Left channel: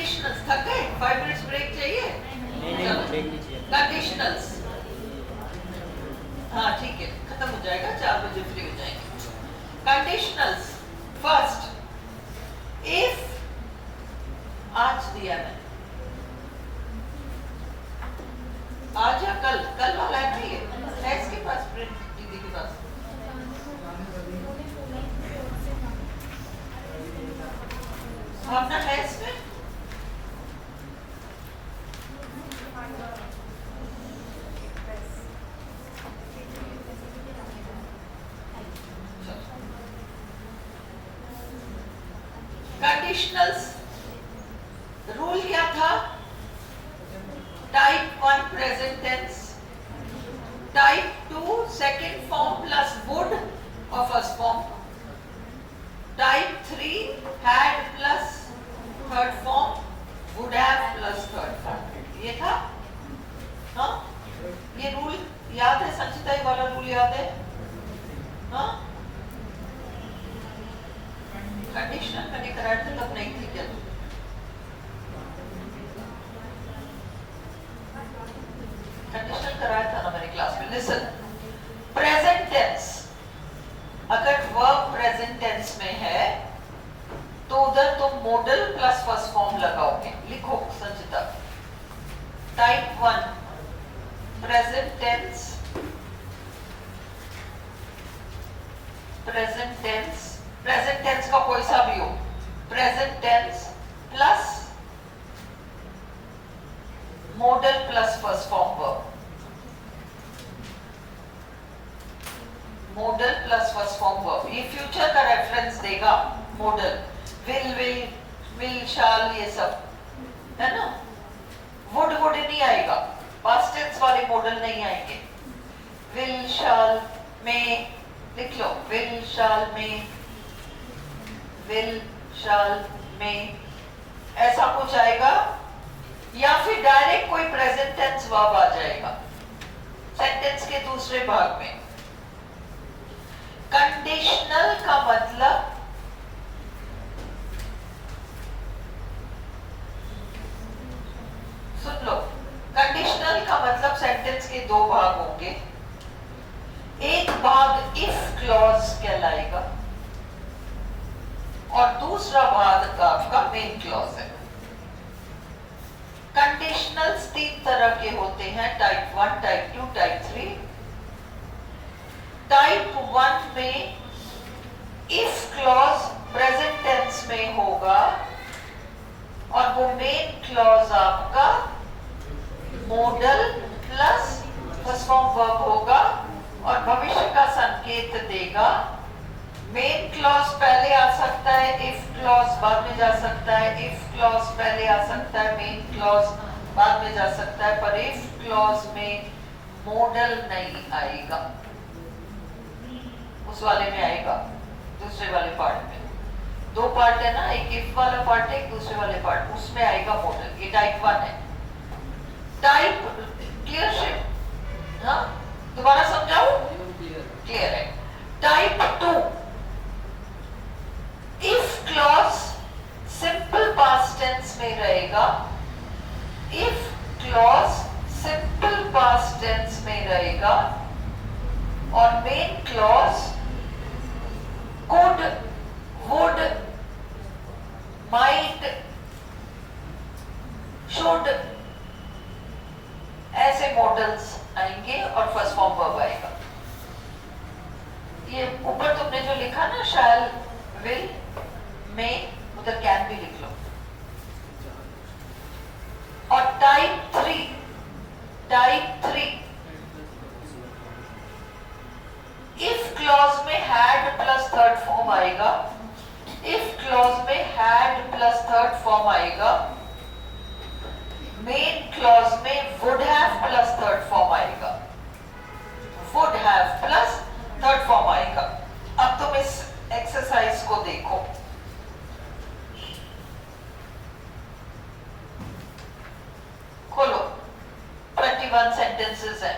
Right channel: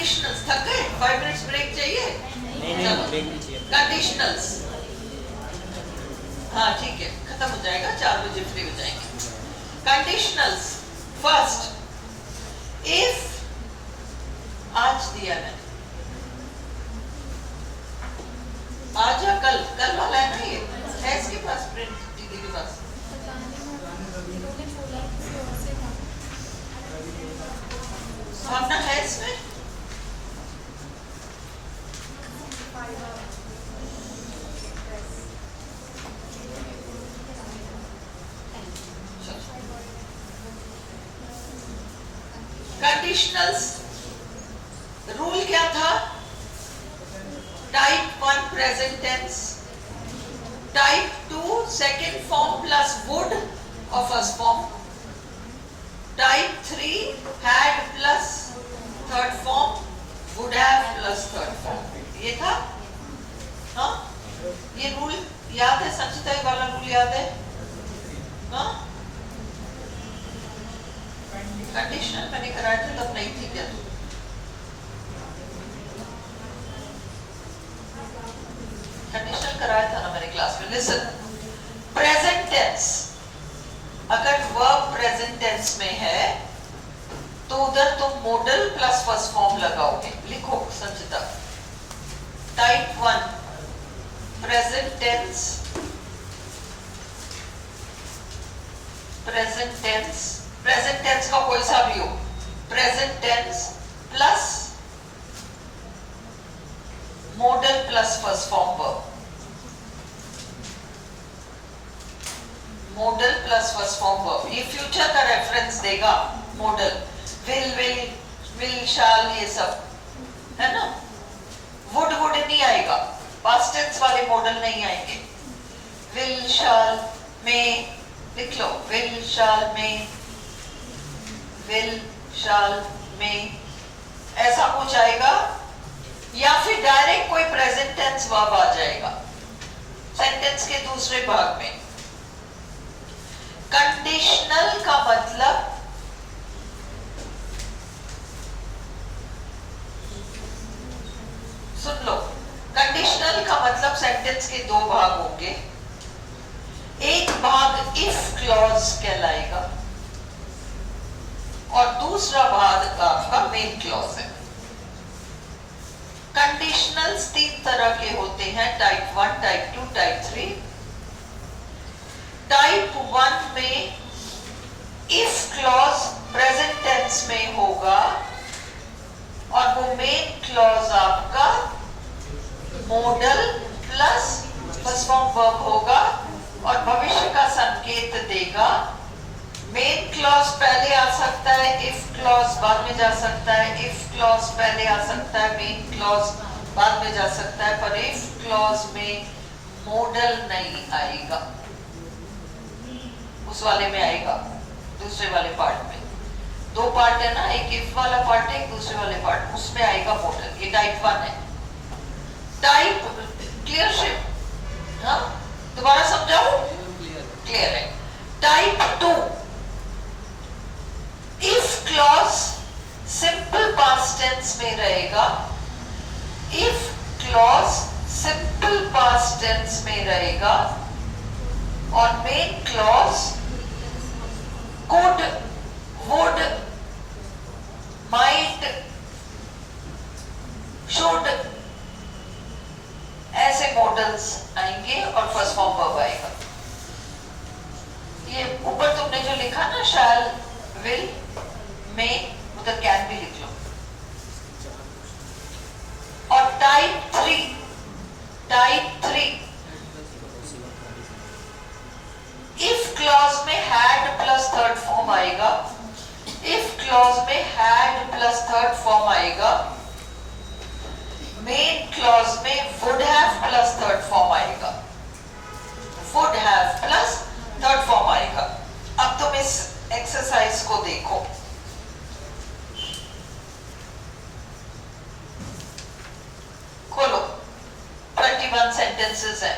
Conditionals थक गए? 5 minutes break चाहिए? कंडीशनल्स, हाँ ठीक है, खत्म हो जाएगा, 4 बजे फ्री हो जाएंगे। कंडीशनल्स, फर्स्ट, इफ, आज दिया है, आज या कल, कल वाला है ना, ये है इसके पास, प्रिंट दीदी के पास, भावना है इसमें? कंडीशनल्स रूल क्या था? Type 1 present tense, type 2 second form plus would और first form, type 3 had plus third form, would have plus third form. ये था, हाँ ये रूल याद है संचिता? ये वाला रूल याद है? हाँ, कंडीशनल मैंने कराया था तब नहीं थी क्या? कंडीशनल कराया था ना मैंने क्लास में। लिसन, प्रेजेंट टेंस, अगर वर्ब प्रेजेंट टेंस में है तो उधर तुम मॉडल प्लस फर्स्ट फॉर्म लगाओगे। लिखो Sanchita, type 1 present tense, present tense, present tense का कोई सा भी हो, present tense plus modal plus first form verb, modal plus first form verb, ये फ्यूचर का रेफरेंस देगा। मॉडल विल शाल ये सब है ना, वुड नहीं आएगा, पास्ट टेंस वाले मॉडल नहीं आएंगे। विल शाल में लिख लो, विल शाल में, विल शाल में, ऐसा कुछ आएगा, या फिर डायरेक्ट कोई प्रेजेंट टेंस वर्ब आ जाएगा सेंटेंस के दूसरे भाग में। कंडीशनल का मतलब सुन लो, कंडीशनल का मतलब सेंटेंस के दो भाग होंगे, एक भाग इफ क्लॉज कहलाएगा और दूसरा भाग आपका मेन क्लॉज है। कंडीशनल्स 3 तरह के होते हैं, टाइप 1, टाइप 2, टाइप 3। टाइप 1 में इफ क्लॉज प्रेजेंट टेंस में होगा और वो मेन क्लॉज आपका model plus first form verb होगा और भविष्य का संकेत देगा। मेन क्लॉज पहले आ सकता है, इफ क्लॉज बाद में जा सकता है, इफ क्लॉज पहले आ सकता है, मेन क्लॉज बाद में जा सकता है, पर इफ क्लॉज में मॉडल नहीं आएगा, उस वाले में आएगा, दूसरे वाले पार्ट में। 2 पार्ट है ना, एक इफ वाला पार्ट है, एक दूसरे वाले पार्ट, उसमें आएगा मॉडल। ये टाइप 1 है। टाइप क्लियर शिप, हाँ दोबारा समझाओ, क्लियर है। Type 2 if clause simple past tense में रहेगा, if clause simple past tense में रहेगा और main clause could, would, might, should, ऐसे मॉडल्स आएंगे और फर्स्ट फॉर्म वर्ब आएगा। ये ऊपर तुमने जो लिखा ना, शैल, विल, में, उधर कैन भी लिख लो। और टाइप 3, इफ क्लॉज में हैड प्लस थर्ड फॉर्म आएगा, इफ क्लॉज में हैड प्लस थर्ड फॉर्म आएगा, मेन क्लॉज में would have plus third form आएगा, would have plus third form आएगा। अब तुम इस एक्सरसाइज को देखो, खोलो, 21 सेंटेंसेस है।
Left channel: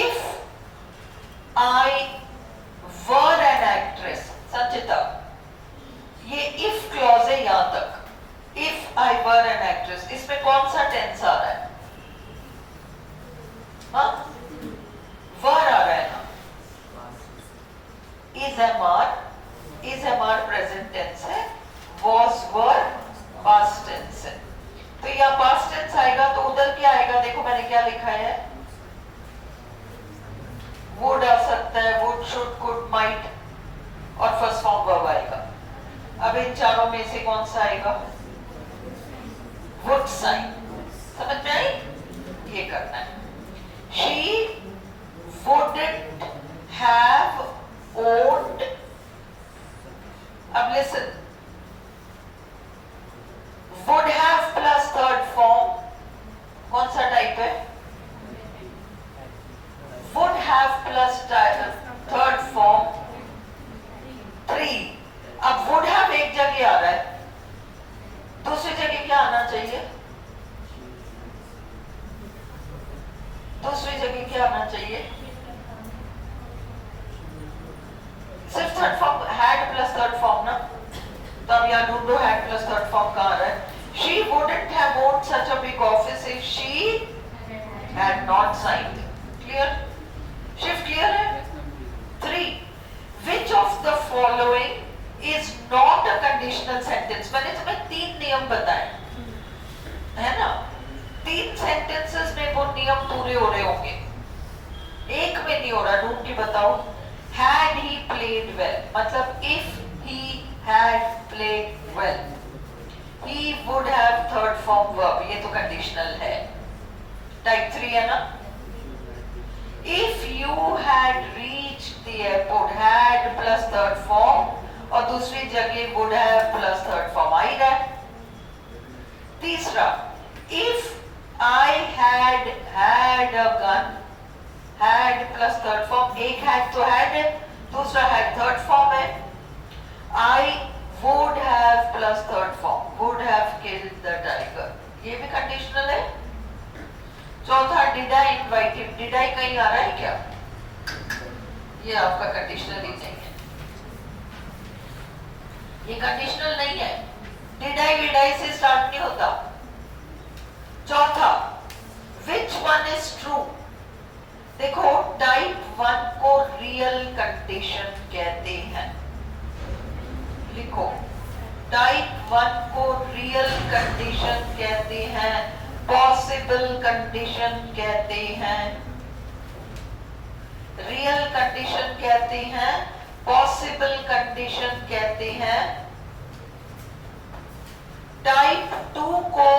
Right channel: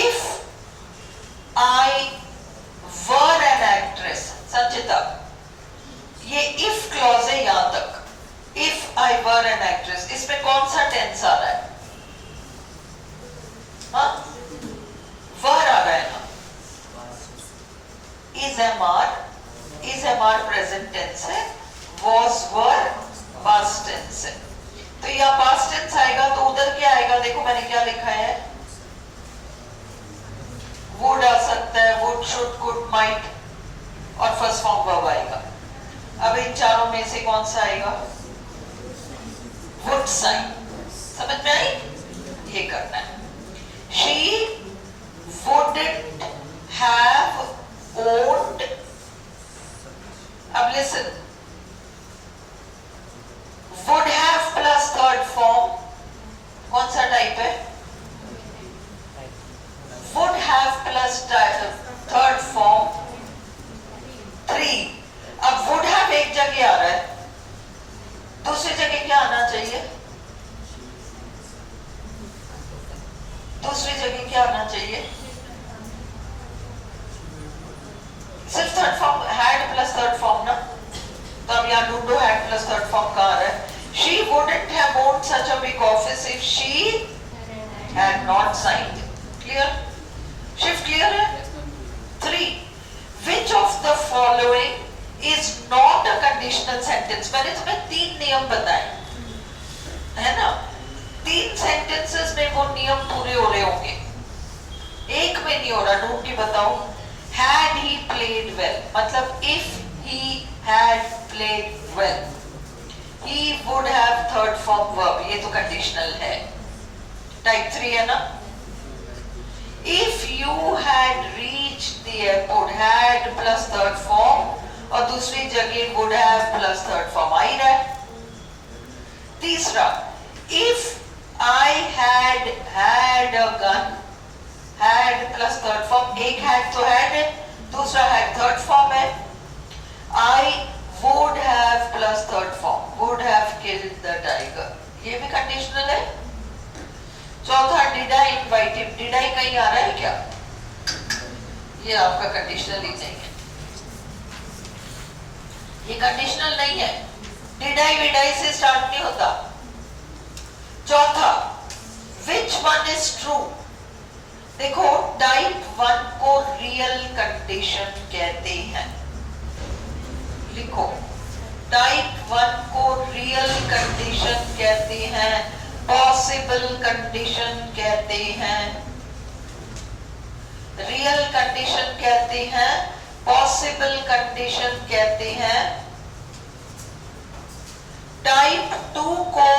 If I were an actress, Sanchita ये इफ क्लॉज है यहां तक, वर एन एक्ट्रेस, इसमें कौन सा टेंस आ रहा है? हाँ, वर आ रहा है ना। Is am are present tense है, वॉज वर पास्ट टेंस है। तो यहाँ पास्ट टेंस आएगा तो उधर क्या आएगा? देखो मैंने क्या लिखा है, वुड आ सकता है, वुड, शुड, कुड, माइट, और फर्स्ट फॉर्म वर्ब आएगा। अब इन चारों में से कौन सा आएगा? Would sign. समझ में आई? ये करना है। शी wouldn't have owned, अब listen, would have plus third form कौन सा टाइप है? would have plus third form 3। अब would have एक जगह आ रहा है, दूसरी जगह क्या आना चाहिए? दूसरी जगह क्या आना चाहिए? सिर्फ third form, had plus third form ना। तो अब यहाँ ढूंढो हैड प्लस थर्ड फॉर्म कहाँ आ रहा है? She wouldn't have owned such a big office if she had not signed. Clear? Shift clear है? 3. Which of the following is not a conditional sentence? मैंने तुम्हें 3 नियम बताए, है ना? 3 सेंटेंसेस में वो नियम पूरे हो रहे होंगे, एक में नहीं हो रहा। ढूंढ के बताओ। Had he played well, मतलब if he had played well, he would have third form verb, ये तो कंडीशनल है, टाइप 3 है ना। If you had reached the airport, had plus third form, और दूसरी जगह would have plus third form आ ही रहा है। तीसरा, if I had had a gun, had plus third form, एक had तो had है, दूसरा had थर्ड फॉर्म है। I would have plus third form, would have killed the tiger, ये भी कंडीशनल है। चौथा, did I invite him, did I कहीं आ रहा है क्या? ये आपका कंडीशनल ही नहीं है, ये कंडीशनल नहीं है। did I विडाई से स्टार्ट नहीं होता। चौथा, which one is true? देखो टाइप 1 को रियल कंडीशन कहते हैं, लिखो टाइप 1 को रियल कंडीशन कहते हैं, पॉसिबल कंडीशन कहते हैं, रियल कंडीशन कहते हैं, पॉसिबल कंडीशन कहते हैं। टाइप 2 को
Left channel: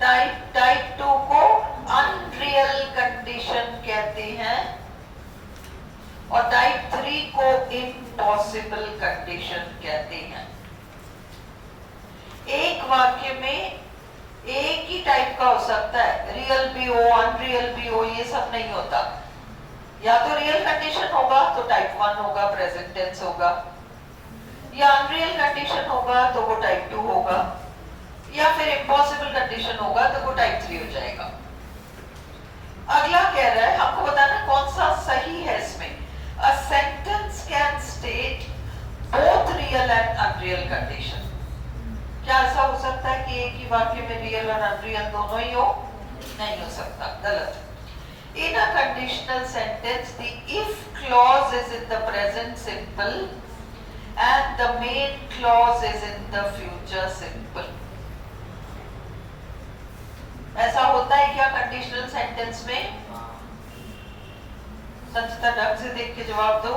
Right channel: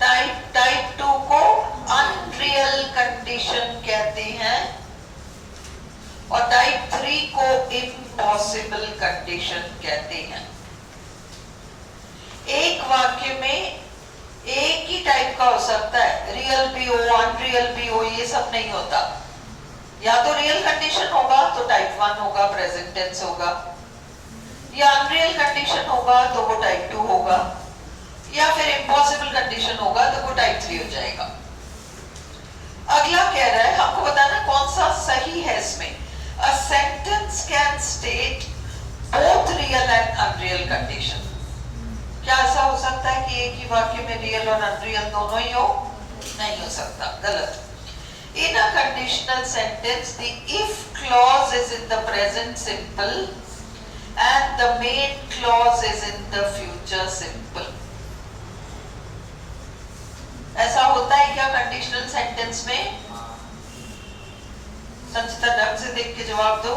टाइप 2 को अनरियल कंडीशन कहते हैं, और टाइप 3 को इम्पॉसिबल कंडीशन कहते हैं। एक वाक्य में एक ही टाइप का हो सकता है, रियल भी हो, अनरियल भी हो, ये सब नहीं होता। या तो रियल कंडीशन होगा तो टाइप 1 होगा, प्रेजेंट टेंस होगा, या अनरियल कंडीशन होगा तो वो टाइप 2 होगा, या फिर इम्पॉसिबल कंडीशन होगा तो वो टाइप 3 हो जाएगा। अगला कह रहा है, हमको बताना कौन सा सही है इसमें। A sentence can state both real and unreal condition. क्या ऐसा हो सकता है कि एक ही वाक्य में रियल और अनरियल दोनों ही हो? नहीं हो सकता, गलत। In a conditional sentence, the if clause is in the present simple and the main clause is in the future simple. ऐसा होता है क्या कंडीशनल सेंटेंस में? संचिता ढंग से देख के जवाब दो।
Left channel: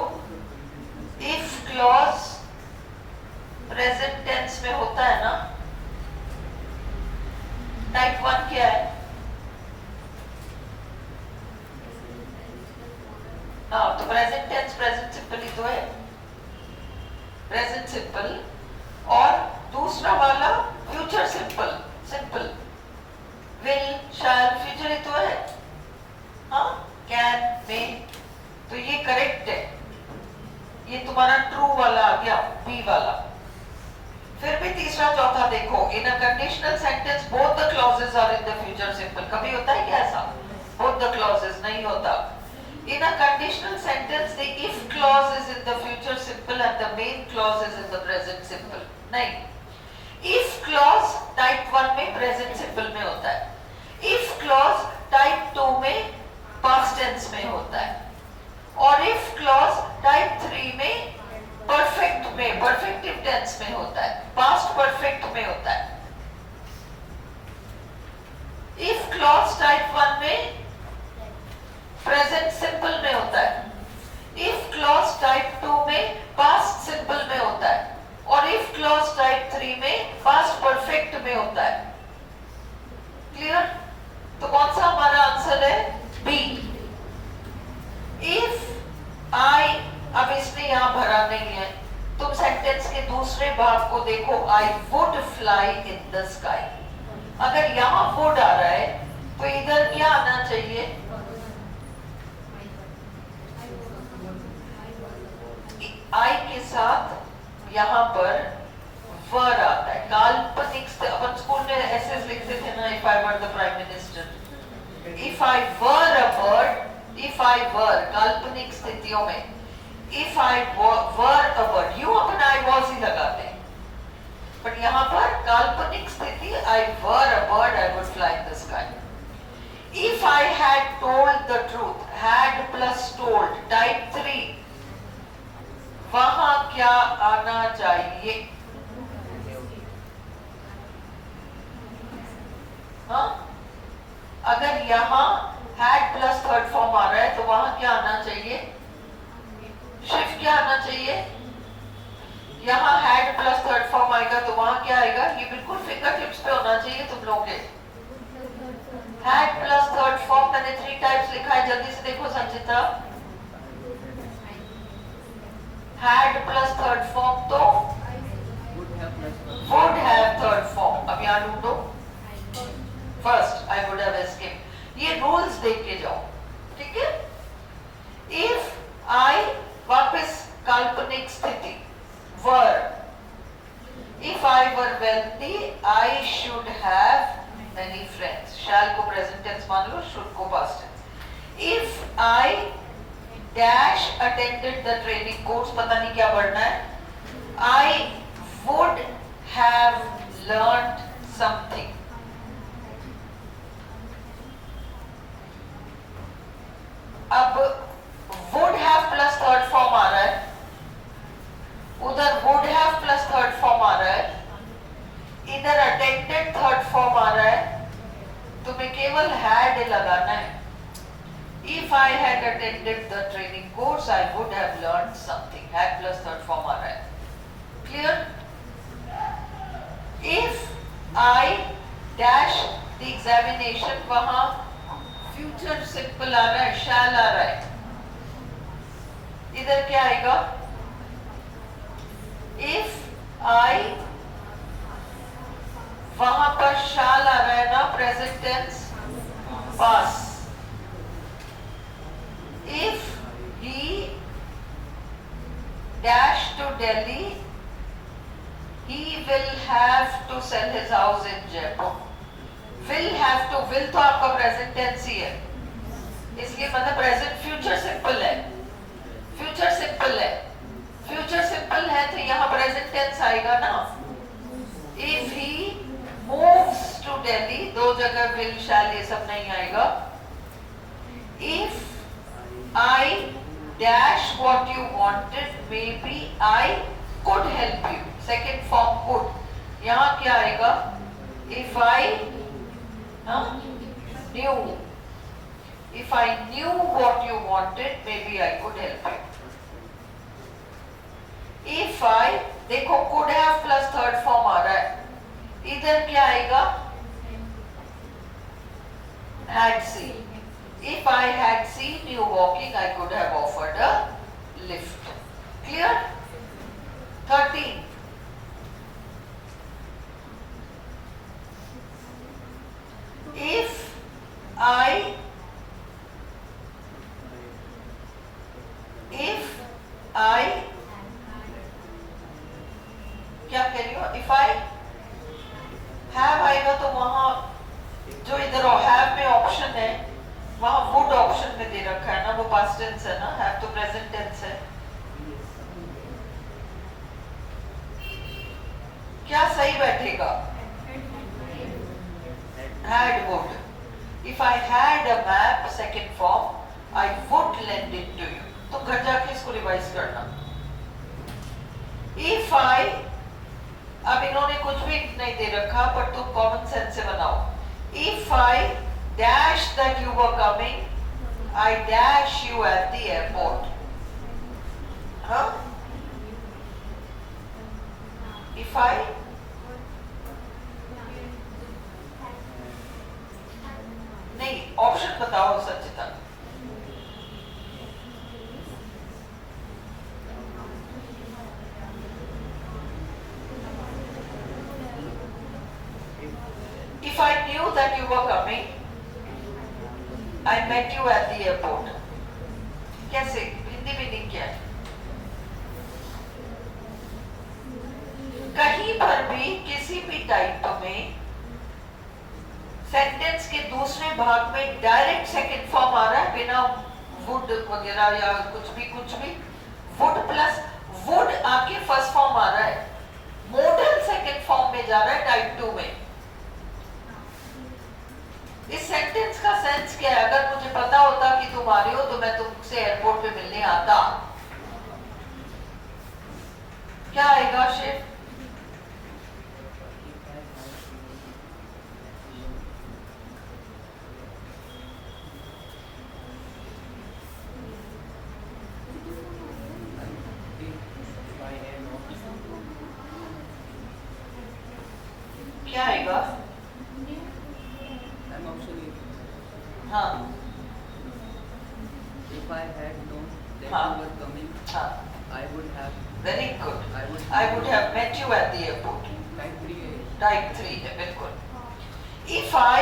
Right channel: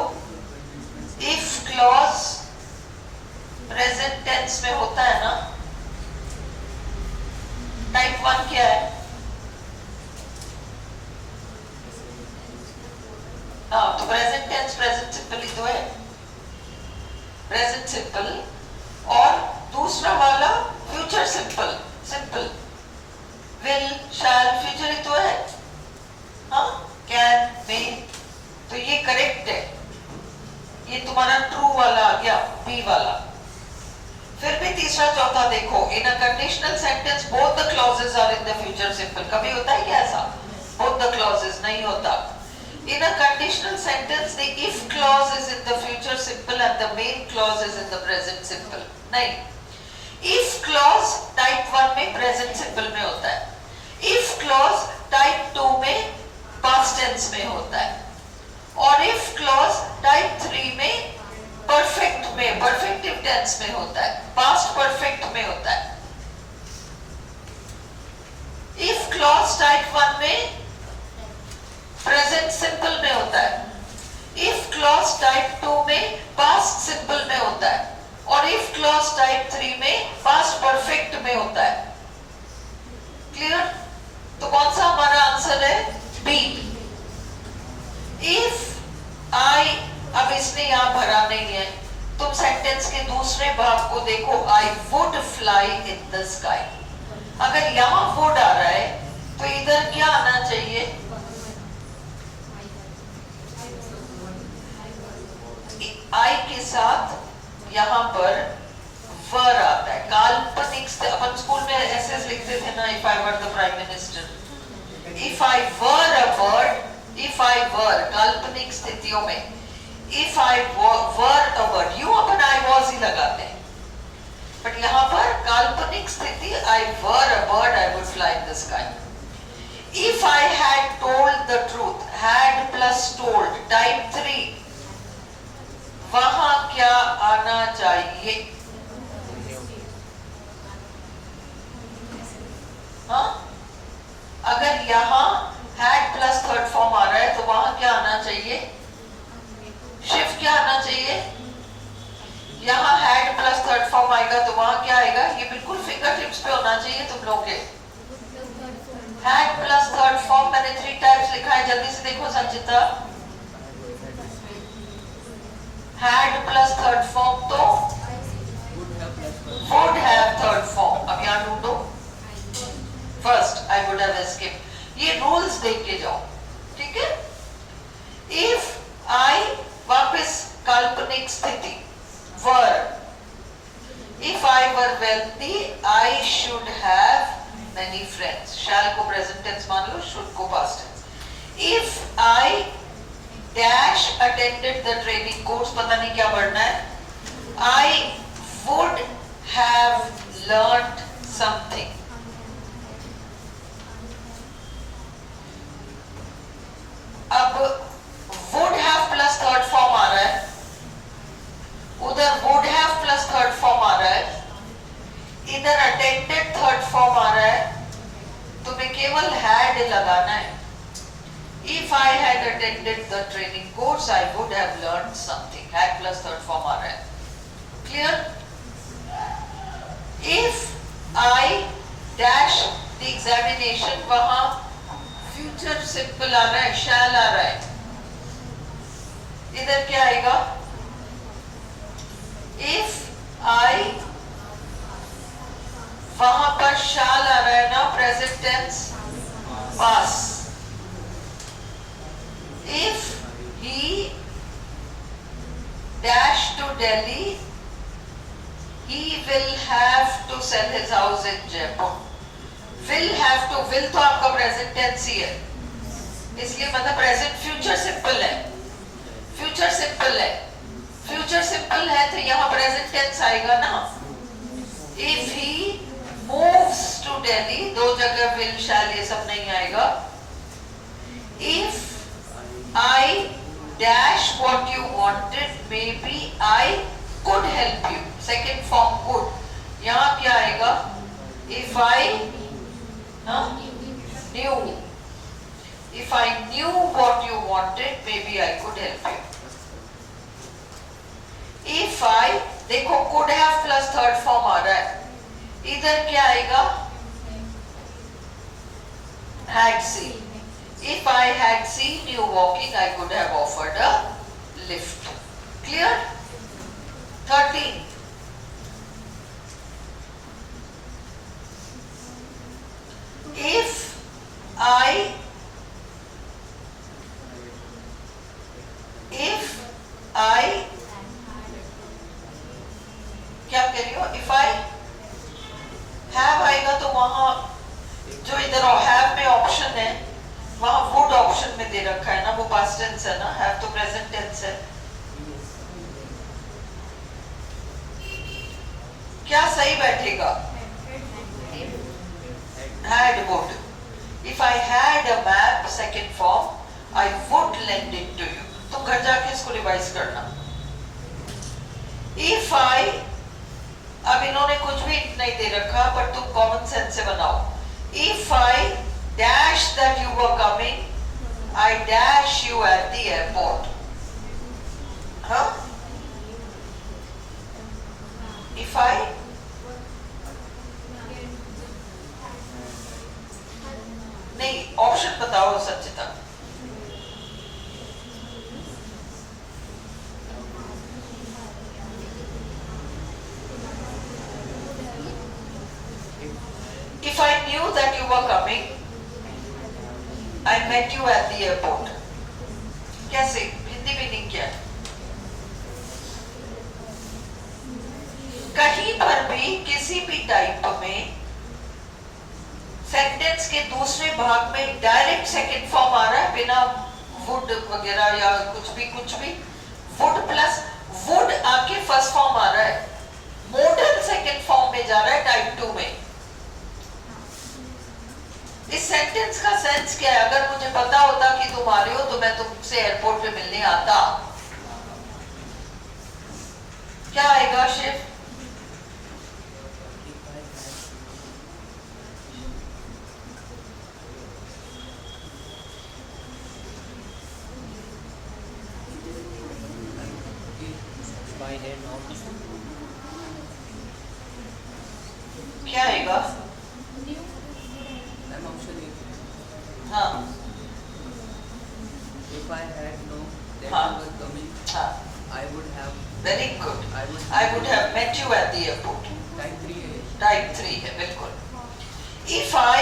इफ क्लॉज प्रेजेंट टेंस में होता है ना, टाइप 1 क्या है? हाँ, तो प्रेजेंट टेंस प्रेजेंट सिंपल ही तो है, प्रेजेंट सिंपल, और दूसरा वाला future simple, simple will, shall, future ही तो है। हाँ, कैन, मे, तो ये करेक्ट है। ये तुम्हारा ट्रू वाला आ गया, बी वाला। फिर भी तीसरा चौथा देखो, in a conditional sentence both the clauses are in the future simple. कभी होता है क्या ऐसा? बोथ द क्लॉजेस नहीं होता। In a conditional sentence the if clause is in the future simple and the main clause is in the present simple. नहीं, if clause type 1 में present simple में होता है, इफ क्लॉज टाइप 2 में past tense में होता है, और इफ क्लॉज टाइप 3 में परफेक्ट में, परफेक्टिव टेंस में होता है, पास्ट परफेक्ट में होता है। इफ क्लॉज टाइप 1 में प्रेजेंट सिंपल में होता है, इफ क्लॉज टाइप 2 में पास्ट सिंपल में होता है, और इफ क्लॉज टाइप 3 में पास्ट परफेक्ट में होता है। क्लियर? तो कौन सा हमारा आंसर है? बी। इफ आई, अब इसने यहां भरा नहीं है, तुम सेंटेंस के दूसरे भाग को देखो, आई would fly in the sky. अगर यहां वुड आ रहा है तो इधर क्या आना चाहिए? आई के साथ यहां पर वर आता है, काल्पनिक। अपन स्कूल में ऐसे लिखते थे ना, if I were the prime minister, if I were a bird, if I were काल्पनिक स्थितियों में, if I were a bird, यूं अपन आई वॉज ही लगाते हैं, बट यहां पर काल्पनिक स्थिति, I were a bird I would fly in the sky. If I had told the truth, had plus told type 3, वहां क्या आना चाहिए? हाँ, अगर यहां हैड प्लस थर्ड फॉर्म आ रहा है तो वहां क्या आना चाहिए? शिफ्ट क्या आना चाहिए? यहां हैड प्लस थर्ड फॉर्म आएगा तो वहां क्या आएगा? ये बिल्कुल फिंगर टिप्स पे होना चाहिए तुम लोग के। हैड प्लस थर्ड फॉर्म मैंने 3 टाइप्स लिखा है, जल्दी से देखो संचिता। हैड प्लस थर्ड फॉर्म तो वुड हैव थर्ड फॉर्म। अब यहां ढूंढो, first I would have escaped. ये रूल्स देख के जाओ, ठीक है? इफ आई, वापस काल्पनिक स्थिति, were, if I were wealthy I should have many friends. Shall को प्रेजेंट टेंस मान लो, शुड को past tense. If I dash attended the training course, पता नहीं क्या पढ़ना है, I would have learned something. अब would have plus third form आ रहा है, उधर would have plus third form आ रहा है, इधर अटेंडेड थर्ड फॉर्म आ रहा है, तुम्हें केवल हैड लगाना है। If I had attended the training course, I would have learned something. Had plus third form आ रहा है, clear? If I dash the examination, वहां future simple आ रहा है, shall आ रहा है, इधर क्या आएगा? If I, वहां पर shall आ रहा है ना, present tense, past। If he dash to Delhi, he will have to sell his house in Jaipur. Will have to, will तो आपका present tense ही है, इसलिए मतलब present future simple है, future simple है, future simple है तो यहाँ present tense आएगा ना। If he moves to Delhi, दो जगह will, shall ये सब नहीं आएगा। If I dash what you wanted, maybe I could help you. Second form could. यहाँ क्या आएगा? If I knew, if I knew what you wanted, maybe I could help you. If I, देखो could have plus third form आ रहा है, इधर क्या आएगा? Had seen. If I had seen you walking, I could have offered a lift. Clear? 13. If I क्या कह रही हो? If I have आएगा तो वहां जो इधर have में ऑप्शन है, वहां वुड ऑप्शन में दे रखा है ना, वो पास्ट टेंस है ना, हैव तो प्रेजेंट टेंस है। क्या सही बैठेगा? Had would. If I had a map, second form, I would lend it to you. तुम घर जाके इसको रिवाइज करना. If I, अब इन्होंने कुछ भी नहीं दे रखा, पर तुम कॉमन सेंस से बनाओ. If I dash that you were coming, I dash you at the airport. हाँ? If I नहीं, ऑप्शन बताओ Sachita. If I knew that you were coming, I met you at the airport. कैसे? Hindi meaning क्या है? कहीं पर भी किसी भी टाइप में सेंटेंस के दूसरे भाग में डायरेक्ट सेकंड फॉर्म आ रहा है बिना वुड वगैरह या कुछ भी वुड प्लस वुड आके फर्स्ट फॉर्म आ रहा है, मॉडल सेकंड फॉर्म में जा रहा है टाइप 2 में. इस सेंटेंस का सेंस क्या है? अगर मुझे पता होता कि तुम आ रहे हो तो मैं तुमसे एयरपोर्ट पे मिलने आता. क्या आएगा शिव? क्या आएगा? हाँ. If I had known that हाँ. you were coming, हाँ. I would have. Very good. I would have met you at the airport. Type 3 है. Type 3 है बिल्कुल. If I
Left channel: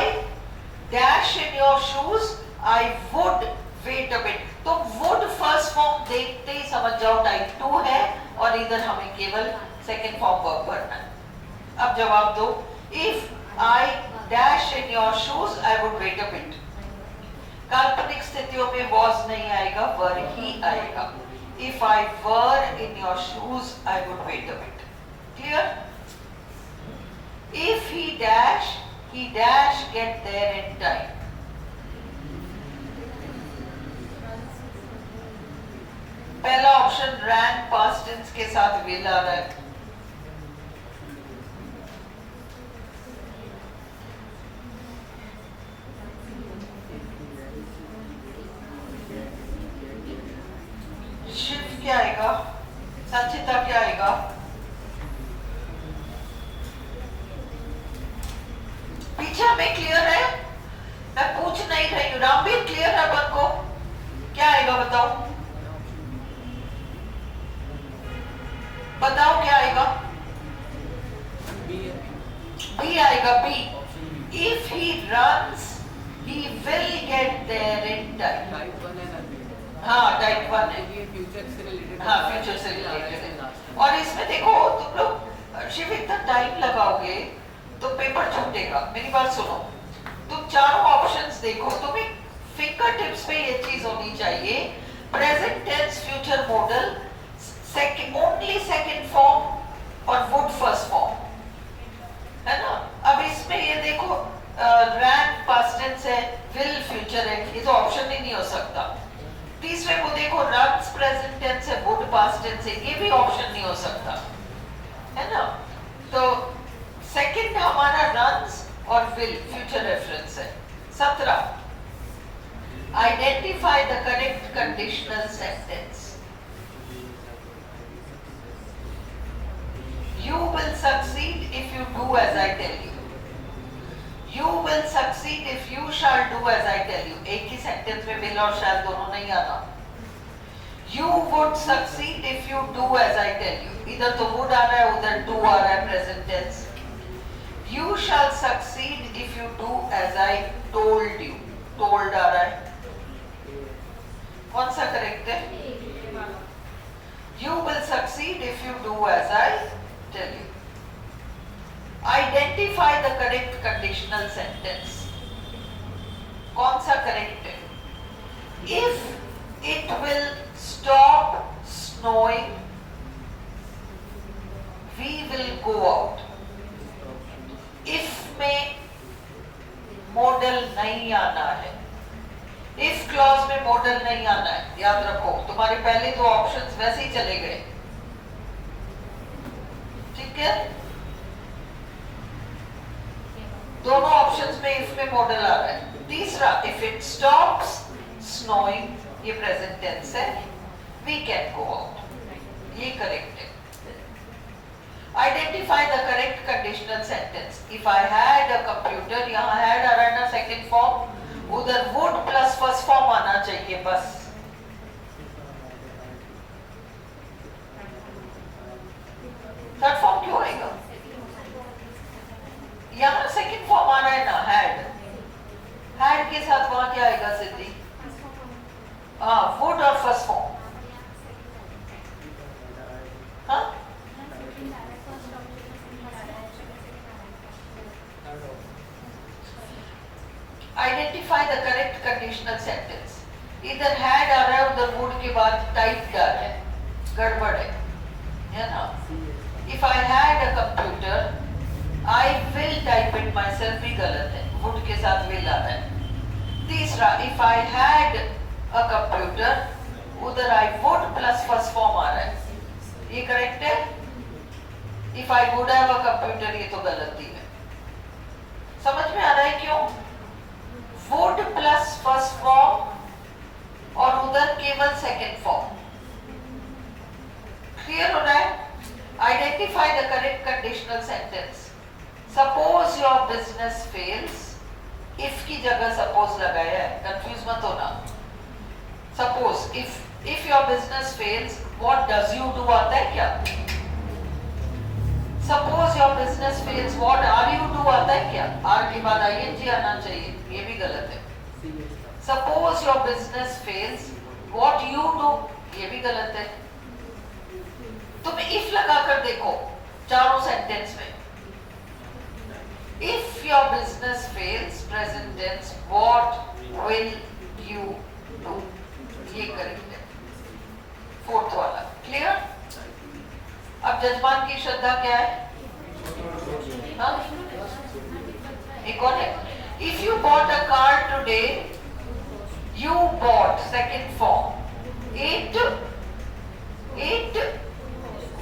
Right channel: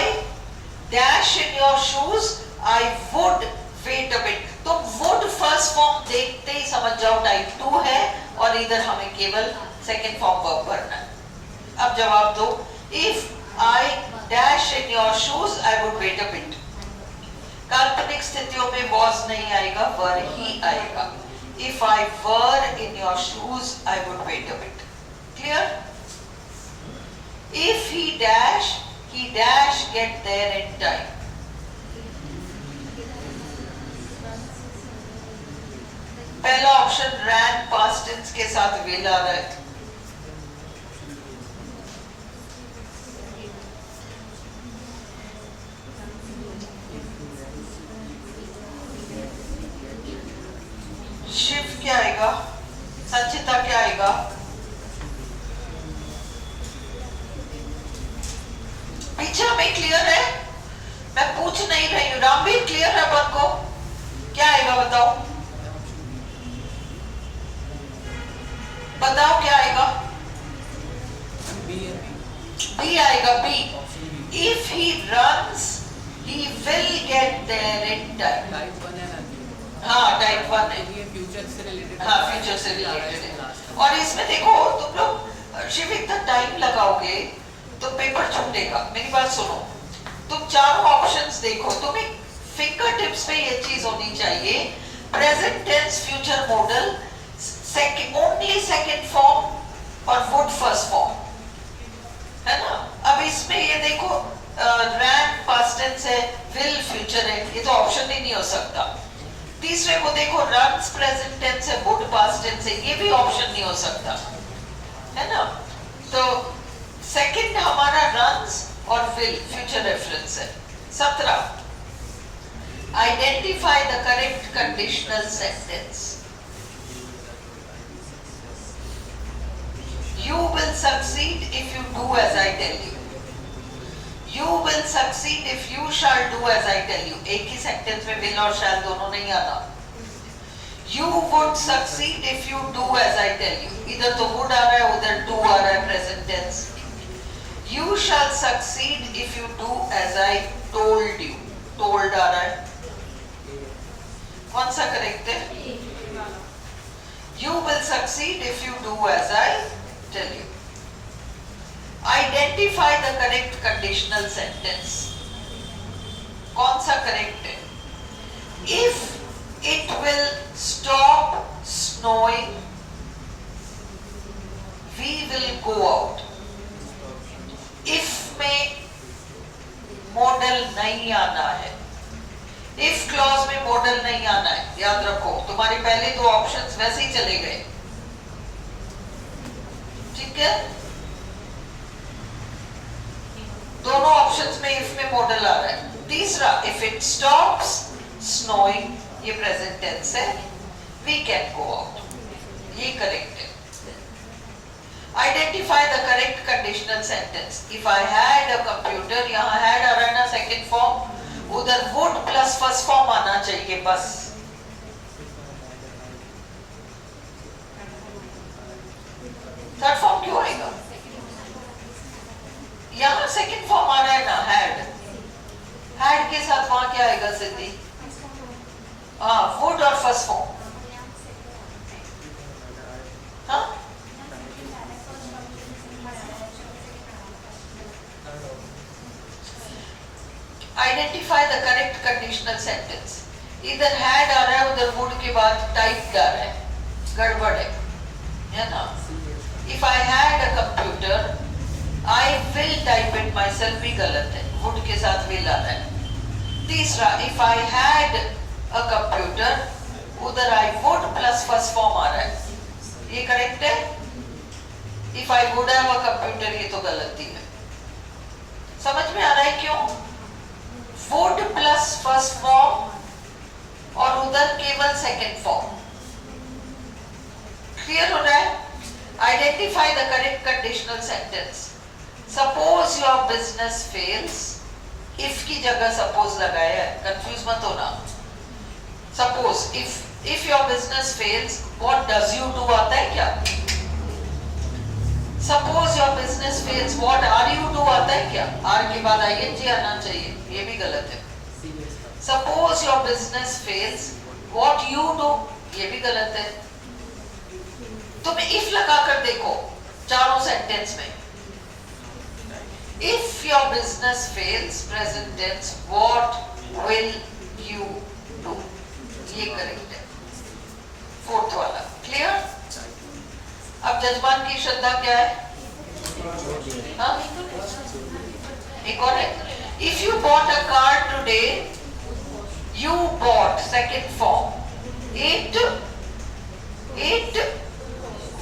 dash in your shoes, I would wait a bit. तो would first form देखते ही समझ जाओ type 2 है और इधर हमें केवल सेकंड फॉर्म वर्ब भरना है. अब जवाब दो. If I dash in your shoes, I would wait a bit. काल्पनिक स्थितियों में was नहीं आएगा, were ही आएगा. If I were in your shoes, I would wait a bit. Clear? If he dash get there in time. पहला option ran past tense के साथ will आ रहा है. शिव क्या आएगा? संचिता क्या आएगा? पीछे में क्लियर है? मैं पूछ नहीं रही हूँ. रामवीर क्लियर है अपन को? क्या आएगा बताओ? बताओ क्या आएगा? बी आएगा. B. If he runs, he will get there in time. Type 1 है. हाँ टाइप 1 है. ये फ्यूचर से रिलेटेड. हाँ फ्यूचर से रिलेटेड है. और इसमें देखो तुम लोग शिव इतना टाइम लगाओगे तो पेपर छूटेगा. मेरी बात सुनो. तुम चारों ऑप्शंस देखो. तुम्हें फिंगर टिप्स पे ये चीज होनी चाहिए. Present tense future modal only second form और वुड फर्स्ट फॉर्म है ना. अब इसमें ये देखो रैन पास्ट टेंस है, विल फ्यूचर है. ये तो ऑप्शन ही नहीं हो सकता. तीसरे को देखो रन्स प्रेजेंट टेंस है, वुड पास्ट टेंस है. ये भी ऑप्शन नहीं हो सकता है ना. तो सेकंड हमारा रन्स और विल फ्यूचर रेफरेंस है. 17 identify the correct conditional sentence. You will succeed if you do as I tell you. You will succeed if you shall do as I tell you. एक ही sentence में will और shall दोनों नहीं आना. You would succeed if you do as I tell you. इधर तो would आ रहा है, उधर do आ रहा है present tense. You shall succeed if you do as I told you. Told आ रहा है. कौन सा करेक्ट है? You will succeed if you do as I tell you. Identify the correct conditional sentence. कौन सा करेक्ट है? If it will stop snowing, we will go out. If में model नहीं आना है, इफ क्लॉज में मॉडल नहीं आना है, याद रखो तुम्हारे पहले दो ऑप्शंस वैसे ही चले गए, ठीक है। दोनों ऑप्शंस में इफ में मॉडल आ रहा है। तीसरा, इफ इट स्टॉप्स स्नोइंग, ये प्रेजेंट टेंस है, वी कैन गो आउट, ये करेक्ट है। Identify the correct conditional sentence. If I had a computer, यहां हैड आ रहा है ना सेकंड फॉर्म, उधर वुड प्लस फर्स्ट फॉर्म आना चाहिए बस। थर्ड फॉर्म क्यों आएगा? यहां सेकंड फॉर्म आ रहा है ना, हैड, हैड के साथ वहां क्या आएगा सिद्धि? वुड और फर्स्ट फॉर्म। हाँ, identify the correct conditional sentence. इधर हैड आ रहा है, उधर वुड के बाद टाइप्ड आ रहा है, गड़बड़ है ना। If I had a computer, I will type it my self भी गलत है, वुड के साथ विल आ रहा है। तीसरा, if I had a computer, उधर I would plus first form आ रहा है, ये करेक्ट है। If I would have a computer, ये तो गलती है। समझ में आ रहा है क्यों? वुड प्लस फर्स्ट फॉर्म और उधर केवल सेकंड फॉर्म। क्लियर हो रहा है? Identify the correct conditional sentence. Suppose your business fails, if की जगह सपोज लगाया है, कंफ्यूज मत होना। Suppose if your business fails, what does you do आता है क्या? Suppose your business fails, what are you do आता है क्या? आर के बाद आईएनजी आना चाहिए, ये भी गलत है। Suppose your business fails, what you do, ये भी गलत है। तुम इफ लगा कर देखो चारों सेंटेंस में। If your business fails, present tense, what will you do, ये करेक्ट है, फोर्थ वाला। क्लियर? अब जजमान की श्रद्धा क्या है? हाँ? एक और है, if you bought a car today, you bought second form, it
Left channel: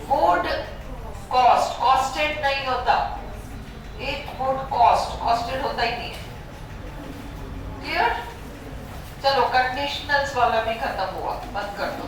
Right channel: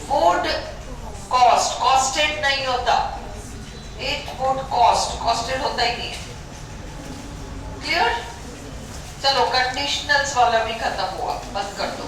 would cost, costed नहीं होता, इट वुड कॉस्ट, कॉस्टेड होता ही नहीं है। क्लियर? चलो कंडीशनल्स वाला भी खत्म हुआ, बंद कर दो।